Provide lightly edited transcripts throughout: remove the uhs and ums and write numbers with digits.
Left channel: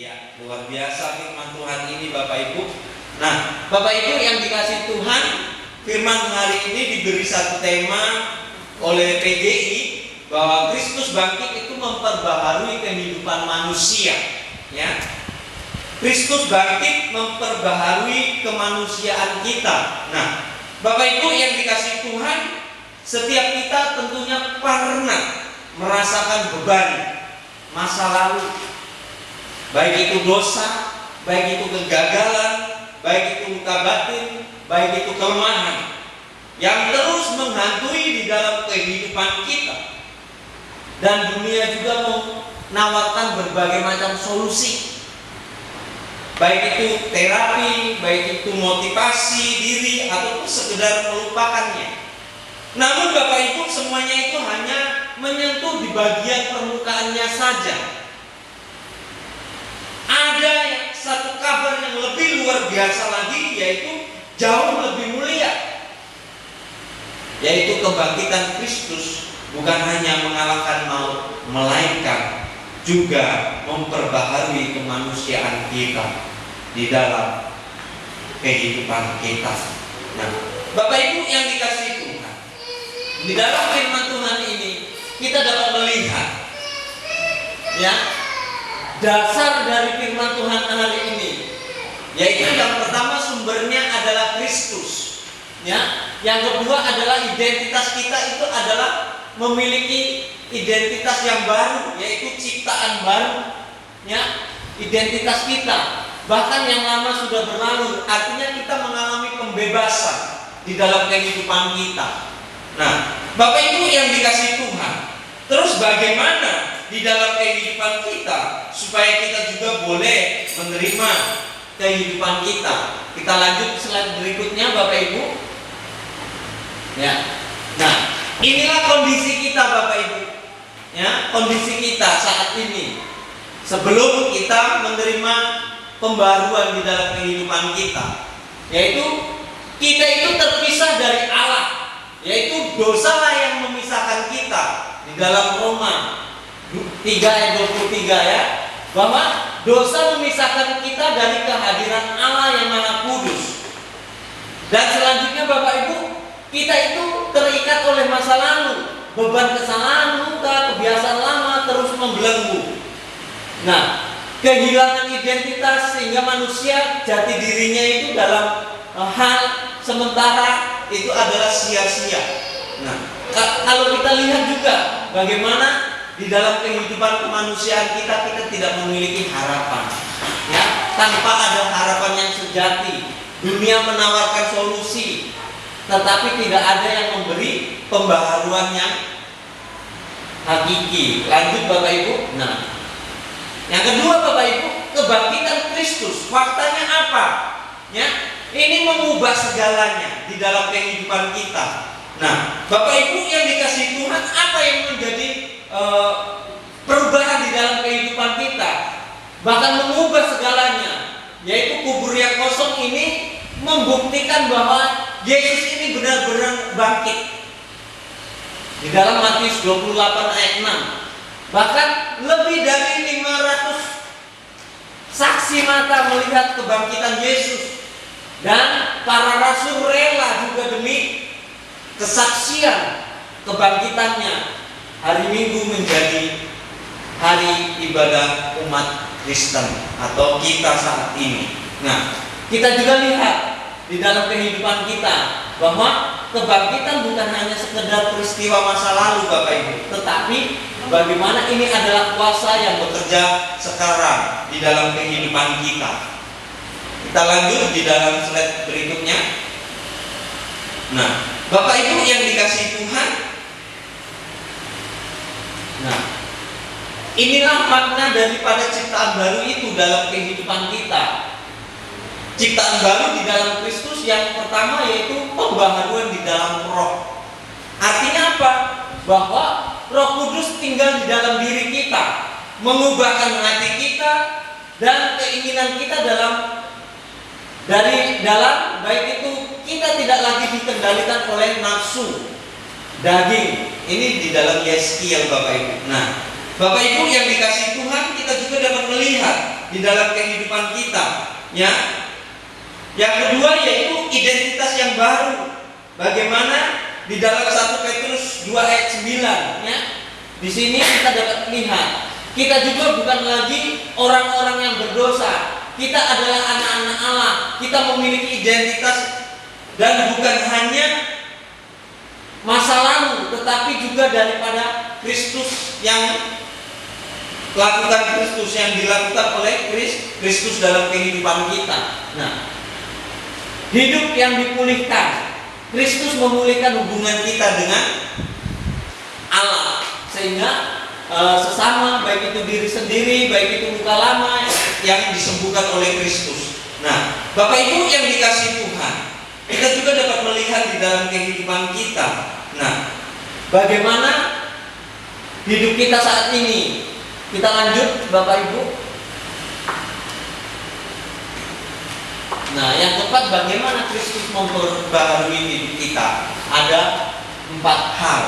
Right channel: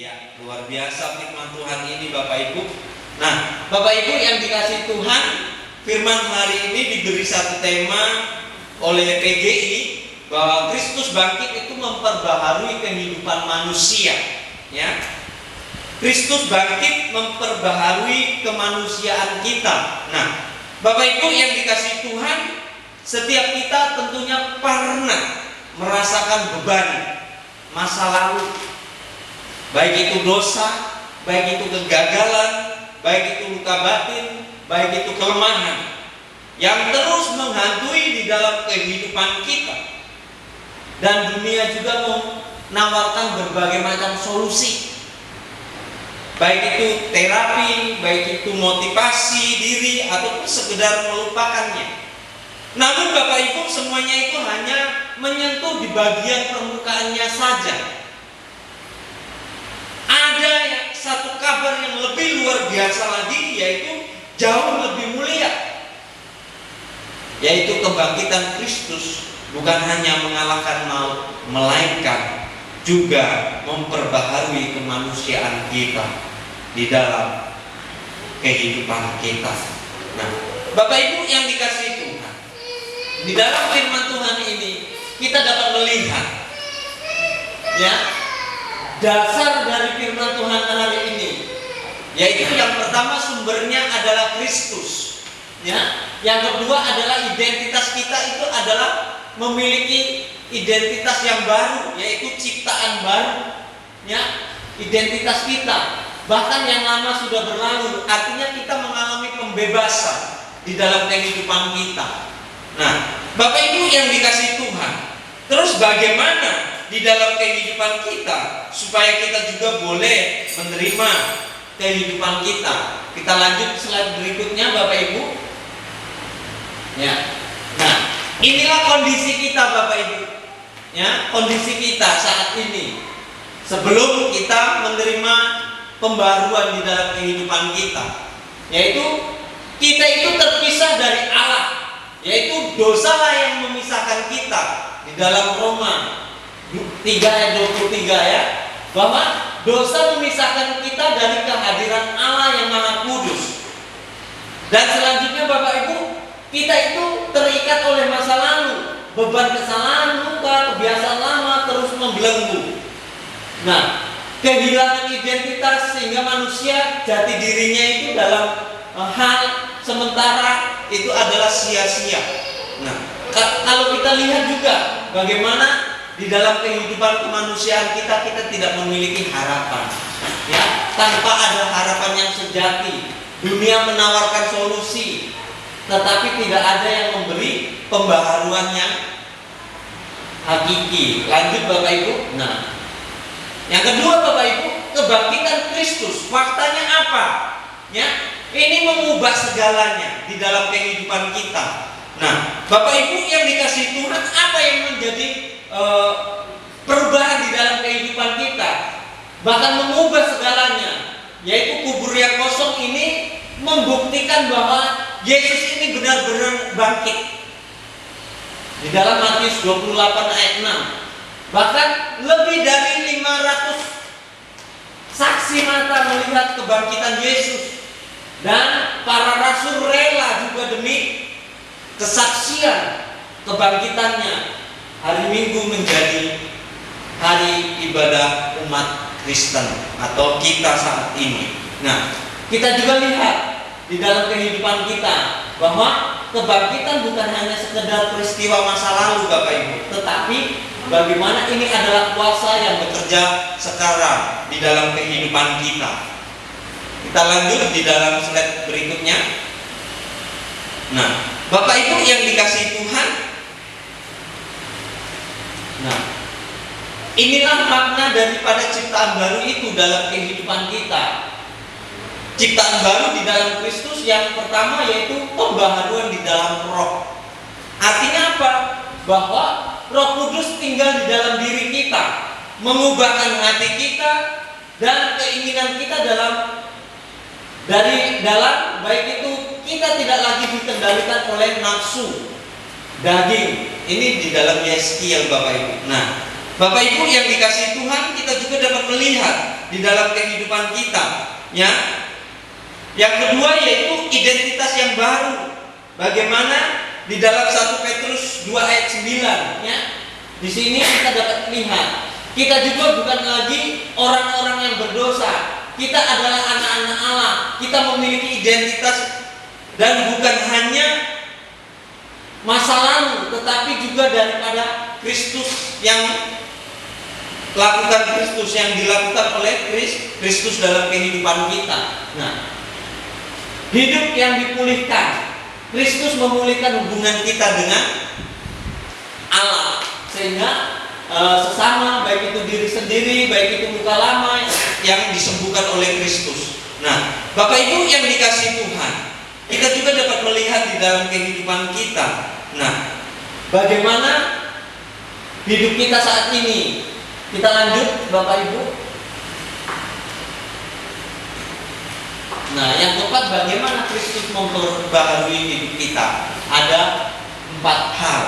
Ya, luar biasa firman Tuhan ini Bapak Ibu. Nah, Bapak Ibu yang dikasih Tuhan, firman hari ini diberi satu tema oleh PGI bahwa Kristus bangkit itu memperbaharui kehidupan manusia. Ya, Kristus bangkit memperbaharui kemanusiaan kita. Nah, Bapak Ibu yang dikasih Tuhan, setiap kita tentunya pernah merasakan beban masa lalu, baik itu dosa, baik itu kegagalan, baik itu luka batin, baik itu kelemahan yang terus menghantui di dalam kehidupan kita. Dan dunia juga menawarkan berbagai macam solusi, baik itu terapi, baik itu motivasi diri, ataupun sekedar melupakannya. Namun Bapak Ibu, semuanya itu hanya menyentuh di bagian permukaannya saja. Ada satu kabar yang lebih luar biasa lagi, yaitu jauh lebih mulia, yaitu kebangkitan Kristus. Bukan hanya mengalahkan maut, melainkan juga memperbaharui kemanusiaan kita di dalam kehidupan kita. Nah, Bapak Ibu yang dikasihi Tuhan, di dalam firman Tuhan ini kita dapat melihat, ya, dasar dari firman Tuhan hari ini, yaitu yang pertama sumbernya adalah Kristus, ya. Yang kedua adalah identitas kita itu adalah memiliki identitas yang baru, yaitu ciptaan baru, ya. Identitas kita bahkan yang lama sudah berlalu, artinya kita mengalami pembebasan di dalam kehidupan kita. Nah, Bapak Ibu yang dikasih Tuhan, terus bagaimana di dalam kehidupan kita supaya kita juga boleh menerima kehidupan kita? Kita lanjut slide berikutnya Bapak Ibu. Ya. Nah, inilah kondisi kita Bapak Ibu. Ya, kondisi kita saat ini sebelum kita menerima pembaruan di dalam kehidupan kita, yaitu kita itu terpisah dari Allah, yaitu dosalah yang memisahkan kita. Di dalam Roma 3 ayat 23 ya, bahwa dosa memisahkan kita dari kehadiran Allah yang Maha Kudus. Dan selanjutnya Bapak Ibu, kita itu terikat oleh masa lalu, beban kesalahan, luka, kebiasaan lama terus membelenggu. Nah, kehilangan identitas sehingga manusia jati dirinya itu dalam hal sementara itu adalah sia-sia. Nah, kalau kita lihat juga bagaimana di dalam kehidupan kemanusiaan kita tidak memiliki harapan, ya, tanpa ada harapan yang sejati. Dunia menawarkan solusi, tetapi tidak ada yang memberi pembaharuan yang hakiki. Lanjut Bapak Ibu. Nah, yang kedua Bapak Ibu, kebangkitan Kristus. Faktanya apa? Ya, ini mengubah segalanya di dalam kehidupan kita. Nah, Bapak Ibu yang dikasih Tuhan, apa yang menjadi perubahan di dalam kehidupan kita? Bahkan mengubah segalanya, yaitu kubur yang kosong ini membuktikan bahwa Yesus ini benar-benar bangkit. Di dalam Matius 28 ayat 6, bahkan lebih dari 500 saksi mata melihat kebangkitan Yesus. Dan para rasul rela juga demi kesaksian kebangkitannya. Hari Minggu menjadi hari ibadah umat Kristen atau kita saat ini. Nah, kita juga lihat di dalam kehidupan kita bahwa kebangkitan bukan hanya sekedar peristiwa masa lalu Bapak Ibu, tetapi bagaimana ini adalah kuasa yang bekerja sekarang di dalam kehidupan kita. Kita lanjut di dalam slide berikutnya. Nah, Bapak Ibu yang dikasihi Tuhan, nah, inilah makna daripada ciptaan baru itu dalam kehidupan kita. Ciptaan baru di dalam Kristus yang pertama yaitu pembaharuan di dalam roh. Artinya apa? Bahwa Roh Kudus tinggal di dalam diri kita, mengubahkan hati kita dan keinginan kita dari dalam baik itu kita tidak lagi dikendalikan oleh nafsu daging. Ini di dalam Yeskiel Bapak Ibu. Nah, Bapak Ibu yang dikasihi Tuhan, kita juga dapat melihat di dalam kehidupan kita, ya. Yang kedua yaitu identitas yang baru. Bagaimana di dalam 1 Petrus 2 ayat 9, ya. Di sini kita dapat lihat, kita juga bukan lagi orang-orang yang berdosa. Kita adalah anak-anak Allah. Kita memiliki identitas dan bukan hanya masa lalu, tetapi juga daripada Kristus yang dilakukan oleh Kristus dalam kehidupan kita. Nah, hidup yang dipulihkan. Kristus memulihkan hubungan kita dengan Allah, sehingga sesama, baik itu diri sendiri, baik itu luka lama yang disembuhkan oleh Kristus. Nah, Bapak Ibu yang dikasihi Tuhan, kita juga dapat melihat di dalam kehidupan kita. Nah, bagaimana hidup kita saat ini? Kita lanjut, Bapak Ibu. Nah, yang keempat, bagaimana Kristus memperbaharui hidup kita? Ada 4 hal.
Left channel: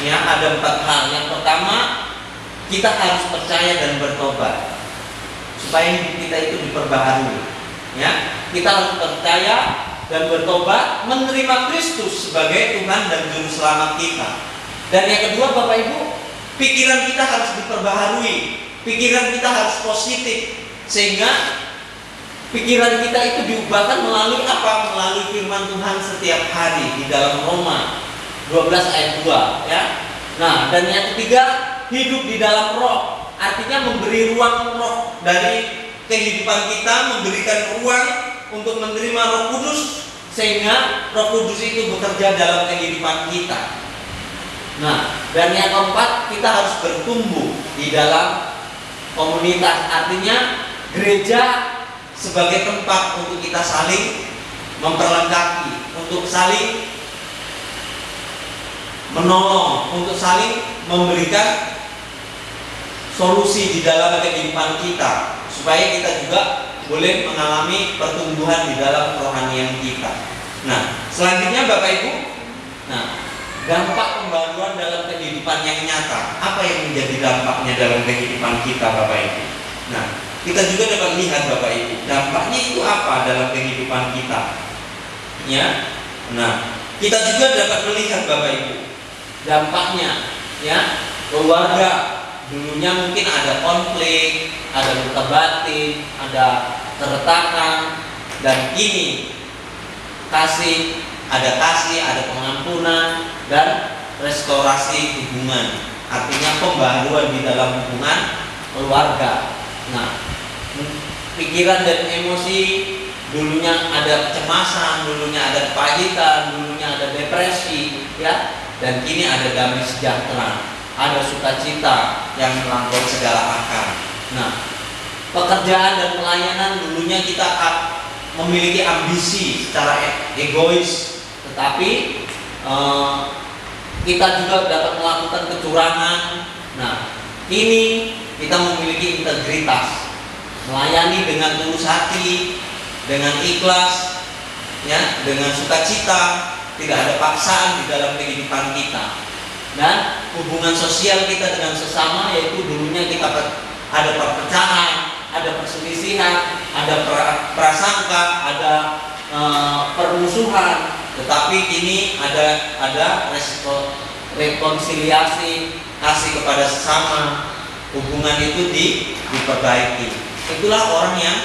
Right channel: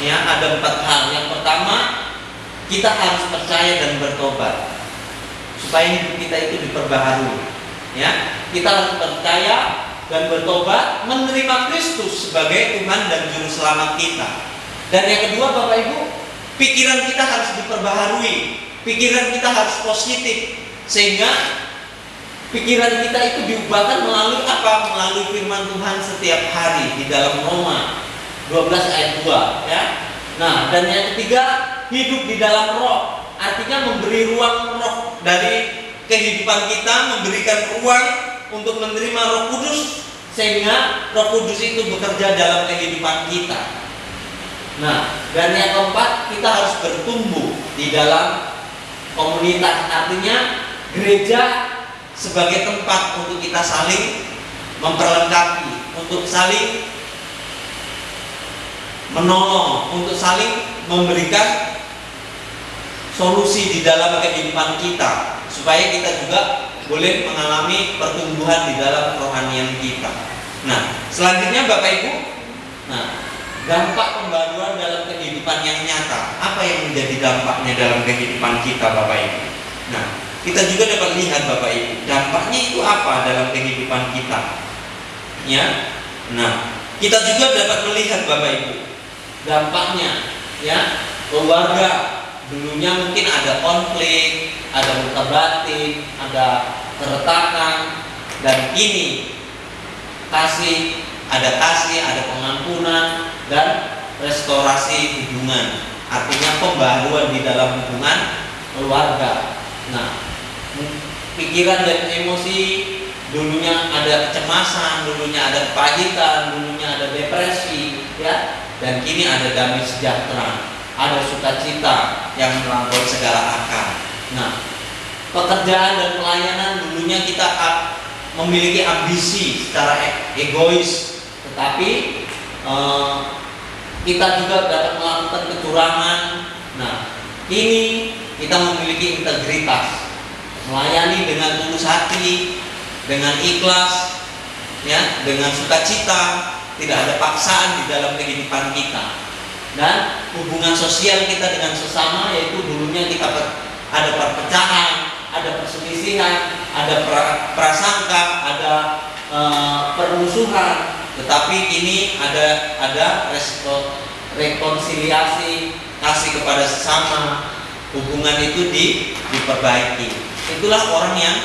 Ya, ada 4 hal. Yang pertama, kita harus percaya dan bertobat supaya hidup kita itu diperbaharui. Ya, kita harus percaya dan bertobat, menerima Kristus sebagai Tuhan dan Juru Selamat kita. Dan yang kedua, Bapak Ibu, pikiran kita harus diperbaharui. Pikiran kita harus positif, sehingga pikiran kita itu diubahkan melalui apa? Melalui firman Tuhan setiap hari di dalam Roma 12 ayat 2, ya. Nah, dan yang ketiga, hidup di dalam roh. Artinya memberi ruang roh dari kehidupan kita, memberikan ruang untuk menerima Roh Kudus, sehingga Roh Kudus itu bekerja dalam kehidupan kita. Nah, dan yang keempat, kita harus bertumbuh di dalam komunitas. Artinya gereja sebagai tempat untuk kita saling memperlengkapi, untuk saling menolong, untuk saling memberikan solusi di dalam kehidupan kita, supaya kita juga boleh mengalami pertumbuhan di dalam kerohanian kita. Nah, selanjutnya Bapak Ibu, nah, dampak pembaruan dalam kehidupan yang nyata. Apa yang menjadi dampaknya dalam kehidupan kita, Bapak Ibu? Nah, kita juga dapat lihat, Bapak Ibu, dampaknya itu apa dalam kehidupan kita. Ya. Nah, kita juga dapat melihat, Bapak Ibu, dampaknya, ya. Keluarga dulunya mungkin ada konflik, ada luka batin, ada keretakan, dan ini ada kasih, ada pengampunan dan restorasi hubungan. Artinya pembaharuan di dalam hubungan keluarga. Nah, pikiran dan emosi, dulunya ada kecemasan, dulunya ada kepahitan, dulunya ada depresi, ya, dan kini ada damai sejahtera, ada sukacita yang melampaui segala akal. Nah, pekerjaan dan pelayanan, dulunya kita memiliki ambisi secara egois, tetapi kita juga dapat melakukan kecurangan. Nah, ini kita memiliki integritas, melayani dengan tulus hati, dengan ikhlas, ya, dengan sukacita, tidak ada paksaan di dalam kehidupan kita. Dan hubungan sosial kita dengan sesama, yaitu dulunya kita ada perpecahan, ada perselisihan, ada prasangka, ada permusuhan, tetapi ini ada rekonsiliasi, kasih kepada sesama, hubungan itu diperbaiki. Itulah orang yang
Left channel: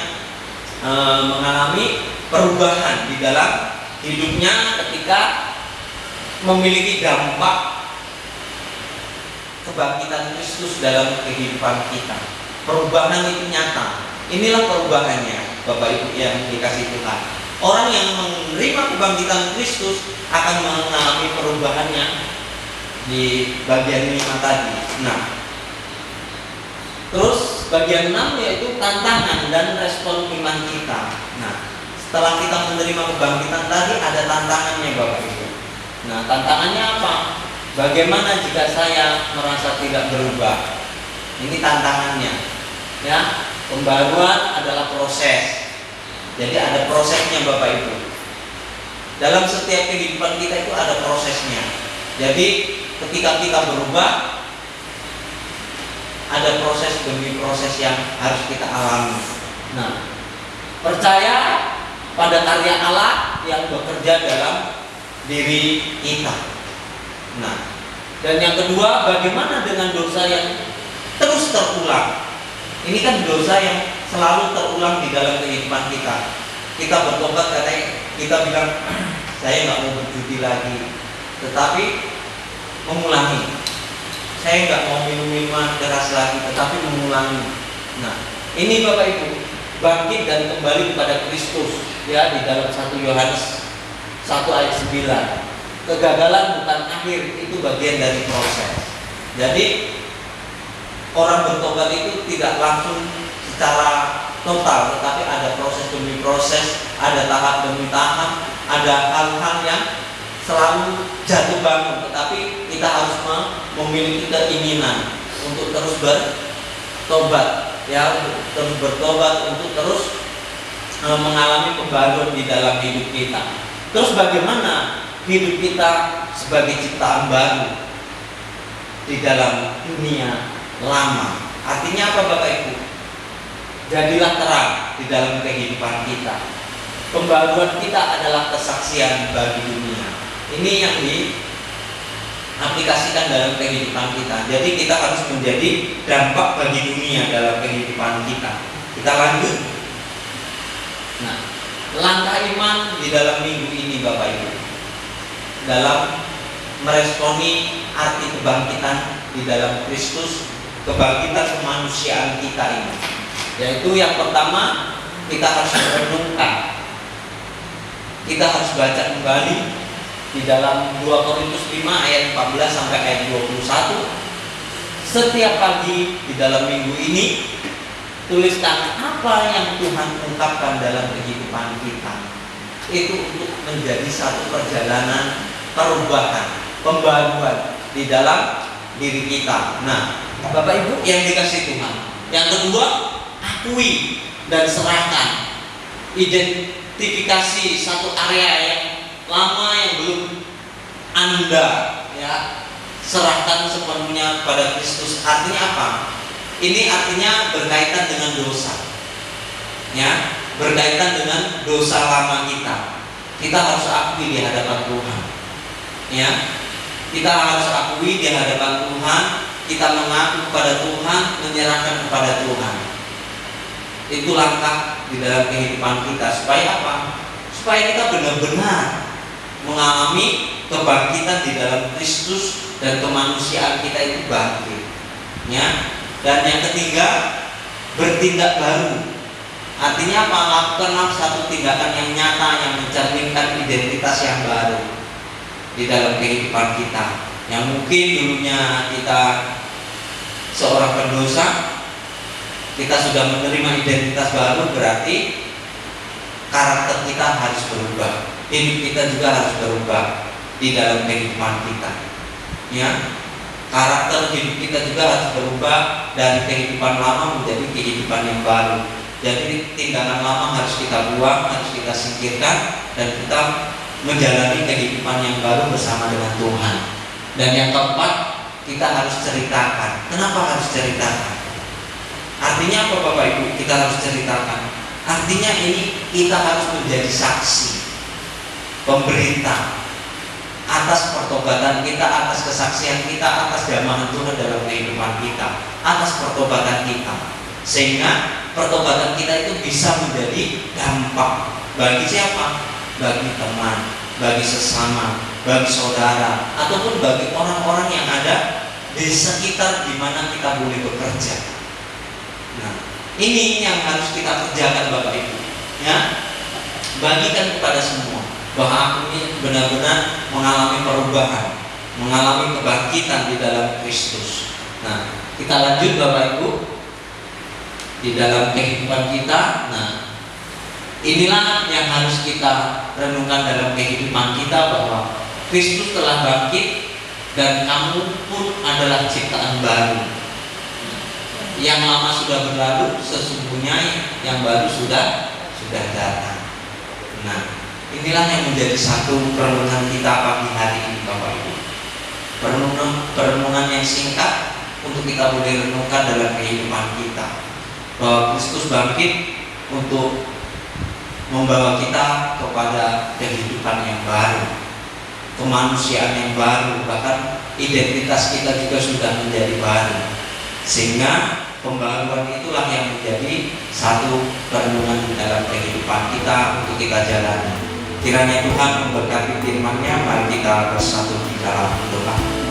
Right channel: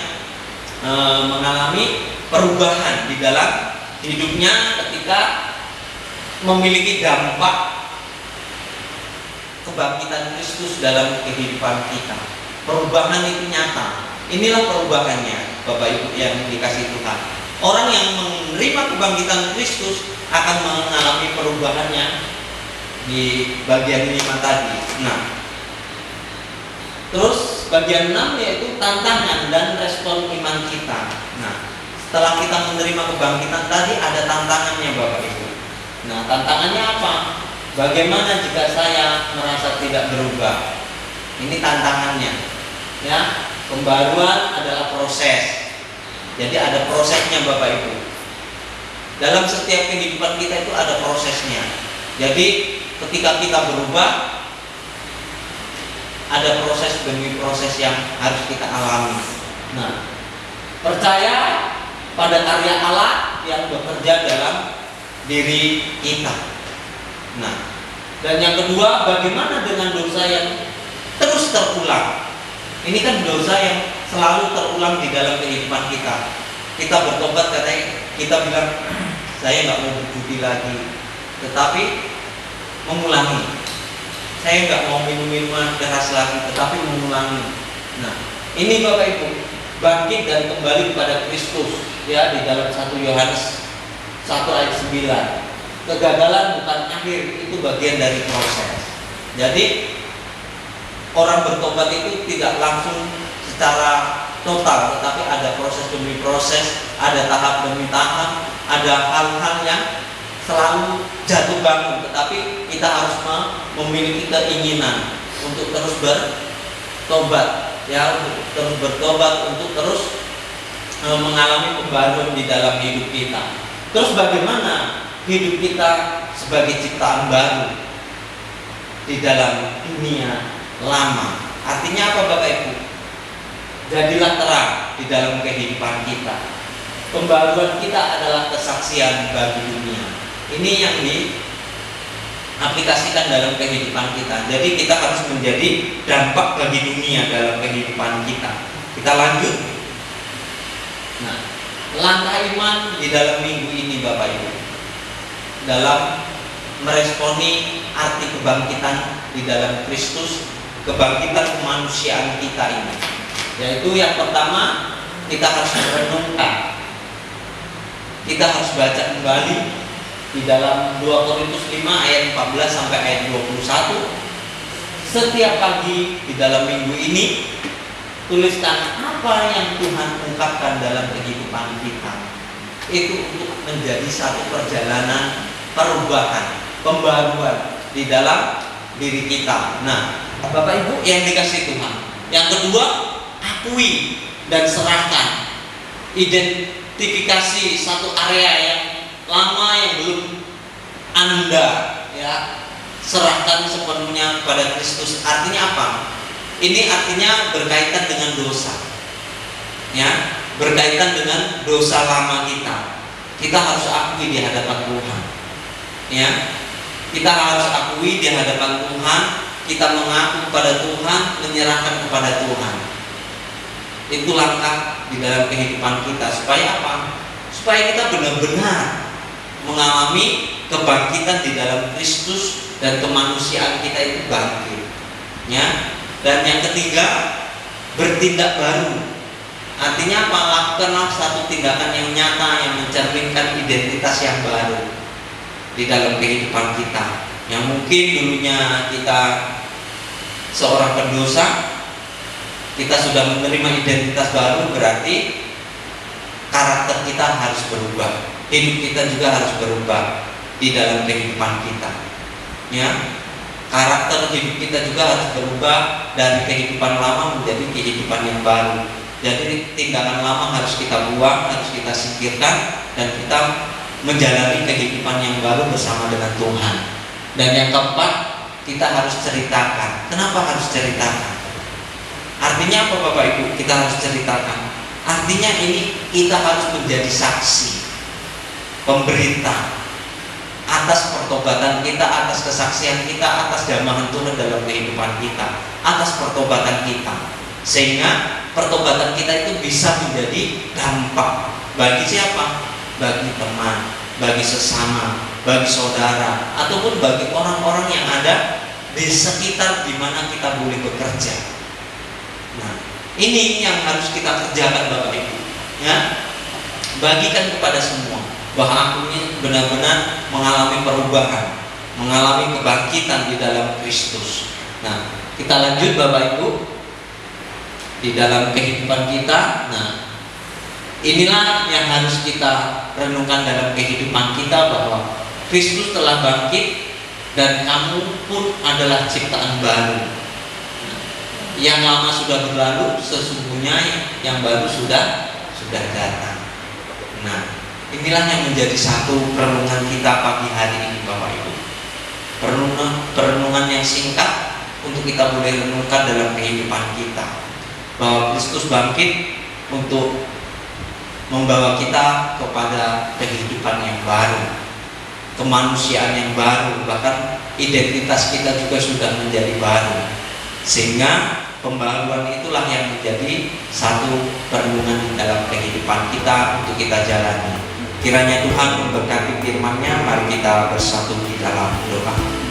mengalami perubahan di dalam hidupnya ketika memiliki dampak kebangkitan Kristus dalam kehidupan kita. Perubahan itu nyata. Inilah perubahannya, Bapak Ibu yang dikasihi Tuhan. Orang yang menerima kebangkitan Kristus akan mengalami perubahannya di bagian 5 tadi. Nah, terus bagian 6 yaitu tantangan dan respon iman kita. Nah, setelah kita menerima kebangkitan tadi, ada tantangannya, Bapak Ibu. Nah, tantangannya apa? Bagaimana jika saya merasa tidak berubah? Ini tantangannya. Ya, pembaruan adalah proses. Jadi ada prosesnya, Bapak Ibu. Dalam setiap kehidupan kita itu ada prosesnya. Jadi ketika kita berubah, ada proses demi proses yang harus kita alami. Nah, percaya pada karya Allah yang bekerja dalam diri kita. Nah, dan yang kedua, bagaimana dengan dosa yang terus terulang? Ini kan dosa yang selalu terulang di dalam kehidupan kita. Kita bertobat karena kita bilang, saya nggak mau berjudi lagi, tetapi mengulangi. Saya nggak mau minum minuman keras lagi, tetapi mengulangi. Nah, ini Bapak Ibu, bangkit dan kembali kepada Kristus, ya, di dalam 1 Yohanes 1 ayat 9. Kegagalan bukan akhir, itu bagian dari proses. Jadi orang bertobat itu tidak langsung secara total, tetapi ada proses demi proses, ada tahap demi tahap, ada hal-hal yang selalu jatuh bangun, tetapi kita harus memiliki keinginan untuk terus bertobat, ya, untuk terus bertobat, untuk terus mengalami pembaruan di dalam hidup kita. Terus bagaimana hidup kita sebagai ciptaan baru di dalam dunia lama? Artinya apa Bapak Ibu? Jadilah terang di dalam kehidupan kita. Pembaruan kita adalah kesaksian bagi dunia. Ini yang diaplikasikan dalam kehidupan kita. Jadi kita harus menjadi dampak bagi dunia dalam kehidupan kita. Kita lanjut. Nah, langkah iman di dalam minggu ini Bapak Ibu, dalam meresponi arti kebangkitan di dalam Kristus, kebangkitan kemanusiaan kita ini, yaitu yang pertama, kita harus merenungkan, kita harus baca kembali di dalam 2 Korintus 5 ayat 14 sampai ayat 21. Setiap pagi di dalam minggu ini, tuliskan apa yang Tuhan ungkapkan dalam kehidupan kita. Itu untuk menjadi satu perjalanan perubahan, pembaruan di dalam diri kita. Nah, Bapak Ibu yang dikasih Tuhan. Yang kedua, akui dan serahkan. Identifikasi satu area yang lama yang belum Anda, ya, serahkan sepenuhnya kepada Kristus. Artinya apa? Ini artinya berkaitan dengan dosa, ya, berkaitan dengan dosa lama kita. Kita harus akui di hadapan Tuhan, ya. Kita harus akui di hadapan Tuhan. Kita mengaku kepada Tuhan, menyerahkan kepada Tuhan. Itu langkah di dalam kehidupan kita. Supaya apa? Supaya kita benar-benar mengalami kebangkitan di dalam Kristus dan kemanusiaan kita itu bangkit, ya. Dan yang ketiga, bertindak baru. Artinya apa? Lakukanlah satu tindakan yang nyata yang mencerminkan identitas yang baru di dalam kehidupan kita. Yang mungkin dulunya kita seorang pendosa, kita sudah menerima identitas baru, berarti karakter kita harus berubah, hidup kita juga harus berubah di dalam kehidupan kita, ya. Karakter hidup kita juga harus berubah dari kehidupan lama menjadi kehidupan yang baru. Jadi tindakan lama harus kita buang, harus kita singkirkan, dan kita menjalani kehidupan yang baru bersama dengan Tuhan. Dan yang keempat, kita harus ceritakan. Kenapa harus ceritakan? Artinya apa Bapak Ibu? Kita harus ceritakan. Artinya ini kita harus menjadi saksi, pemberita atas pertobatan kita, atas kesaksian kita, atas jamahan Tuhan dalam kehidupan kita, atas pertobatan kita, sehingga pertobatan kita itu bisa menjadi dampak bagi siapa? Bagi teman, bagi sesama, bagi saudara, ataupun bagi orang-orang yang ada di sekitar di mana kita boleh bekerja. Nah, ini yang harus kita kerjakan Bapak Ibu, ya. Bagikan kepada semua bahwa aku ini benar-benar mengalami perubahan, mengalami kebangkitan di dalam Kristus. Nah, kita lanjut Bapak Ibu di dalam kehidupan kita. Nah, inilah yang harus kita renungkan dalam kehidupan kita, bahwa Kristus telah bangkit dan kamu pun adalah ciptaan baru. Yang lama sudah berlalu, sesungguhnya yang baru sudah datang. Nah, inilah yang menjadi satu perenungan kita pagi hari ini Bapak Ibu. Perenungan yang singkat, untuk kita boleh renungkan dalam kehidupan kita, bahwa Kristus bangkit untuk membawa kita kepada kehidupan yang baru, kemanusiaan yang baru, bahkan identitas kita juga sudah menjadi baru. Sehingga pembaruan itulah yang menjadi satu perenungan dalam kehidupan kita untuk kita jalani. Kiranya Tuhan memberkati firman-Nya. Mari kita bersatu di dalam doa.